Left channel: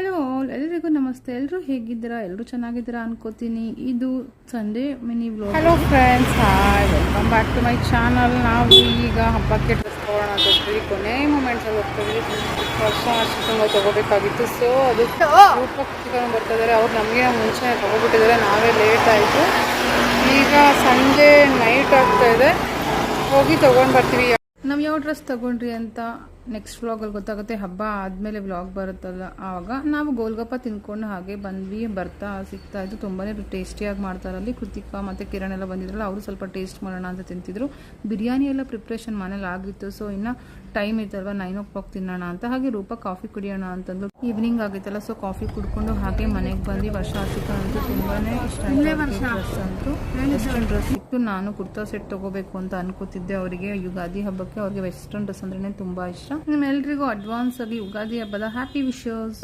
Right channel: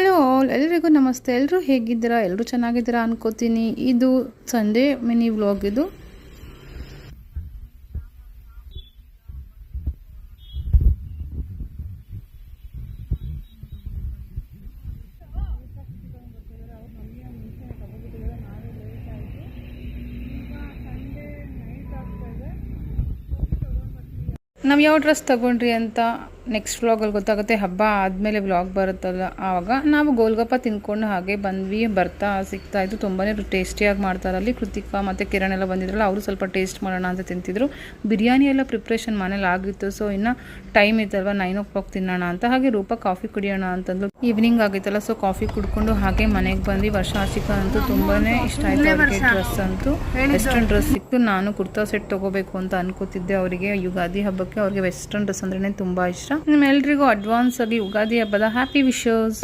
Hello ಎಲ್ರಿಗೂ ನಮಸ್ತೆ. ಎಲ್ಲರೂ ಹೇಗಿದ್ದೀರಾ? ಎಲ್ಲರೂ ಚೆನ್ನಾಗಿದ್ದೀರಾ ಅನ್ಕೋತೀನಿ. ಇದು Sunday mini vlog. Hello friends, hi, welcome back to my channel. ನಾವು ಈಗ ಹಬ್ಬಕ್ಕೆ ಡ್ರೆಸ್ ತೊಗೊಳ್ಳೋಣ ಅಂತ ಹೋಗ್ತೀವಿ. ಕೊನೆ ಮೂಮೆಂಟ್ಸಲ್ಲಿ ಹೋಗ್ತೀವಿ. ವರ್ಷ ಚಿಕನ್ ತೊಗೋಬೇಕಾಗಿತ್ತು. ಸೊ ಅದು ರೂಪಕ್ಕೆ ಚಿಕನ್ ಬರ್ತಿದ್ದಾರೆ. ಅವ್ರು ನಮಗೆ ಮುಂಚೆ ತೊಗೊಬಿಟ್ಟಿದ್ದಾರೆ. ನಾವೇ ಲೇಟ್ ಆಯಿತು. ಈಗ ಸಂಜೆ ನೈಟ್ ಆಗ್ತಾಯಿದೆ. ಹೋಗಿ ತೊಗೊಂಡು ಬರ್ತೀವಿ. ನಾವು ಯಾವ ಡ್ರೆಸ್ ತೊಗೊಂಡ್ರಿ ಅಂತ ನೆಕ್ಸ್ಟ್ ವ್ಲಾಗಲ್ಲಿ ಗೊತ್ತಾಗುತ್ತೆ. ಹಬ್ಬ ಆದಮೇಲೆ ವ್ಲಾಗ್ ಬರುತ್ತಲ್ಲ, ಆವಾಗ ನಾವು ಗೋಲ್ಗಪ್ಪ ತಿನ್ಕೊಂಡು ಹಾಗೆ ಬಂದ್ವಿ. ಬರ್ತಾ ಸಿಗ್ತಾಯಿತ್ತು. ತುಂಬಾ ಟೇಸ್ಟಿಯಾಗಿ ಮಾಡ್ತಾರಲ್ಲಿ. ಕೃತಿಕಾ ಮತ್ತು ಕಿರಣ್ ಎಲ್ಲ ಬಂದಿದ್ರಲ್ಲ, ಅವರು ಸ್ವಲ್ಪ ಟೇಸ್ಟ್ ಮಾಡೋಣ ಅಂತ ತಿಂತಿದ್ರು. ಬಿರಿಯಾನಿ ಎಲ್ಲ ಪ್ರಿಪ್ರೇಷನ್ ಮನೇಲಿ ಆಗಿತ್ತು. ಸೊ ಇನ್ನು ಟೈಮ್ ಇತ್ತಲ್ವ, 9 o'clock ತಿನ್ನೋಣ ಅಂತ. ಹಾಗೆ ರೂಪ ಕಾಫಿ ಕುಡಿಯೋಣ ಅಂತಂದು ಈವ್ನಿಂಗ್ ಆಗಿತ್ತಲ್ಲ. ಸೊ ಕಾಫಿ ಕುಡ್ಕೊಂಡು ಹಾಗೆ ಮನೆಗೆ ಬಂದ್ವಿ. ವರ್ಷ ಚಿಕನ್ ಅಂತೂ ತುಂಬಾ ಇಷ್ಟ ಆಯಿತು. ಡ್ರೆಸ್ ಅಂತೂ ವೆಸ್ಟರ್ನ್ ಡ್ರೆಸ್ ಸಿಕ್ತು. ನಾನು ಕುರ್ತಾ ಸೆಟ್ ತೊಗೋಬೇಕು ಅಂತ ಅನ್ಕೋತಿದ್ದೆ. ಅವರಿಗೆ ಯುಗಾದಿ ಹಬ್ಬಕ್ಕೆ ಅವ್ರಿಗೆ ವೆಸ್ಟರ್ನ್ ಡ್ರೆಸ್ ಅಂದ್ರೆ ತುಂಬ ಇಷ್ಟ. ನಿಮ್ಮೆಲ್ರಿಗೂ ಅಡ್ವಾನ್ಸ್ ಆಗಿ ಯುಗಾದಿ ಹಬ್ಬದ ಹ್ಯಾಪಿ ವಿಶಸ್.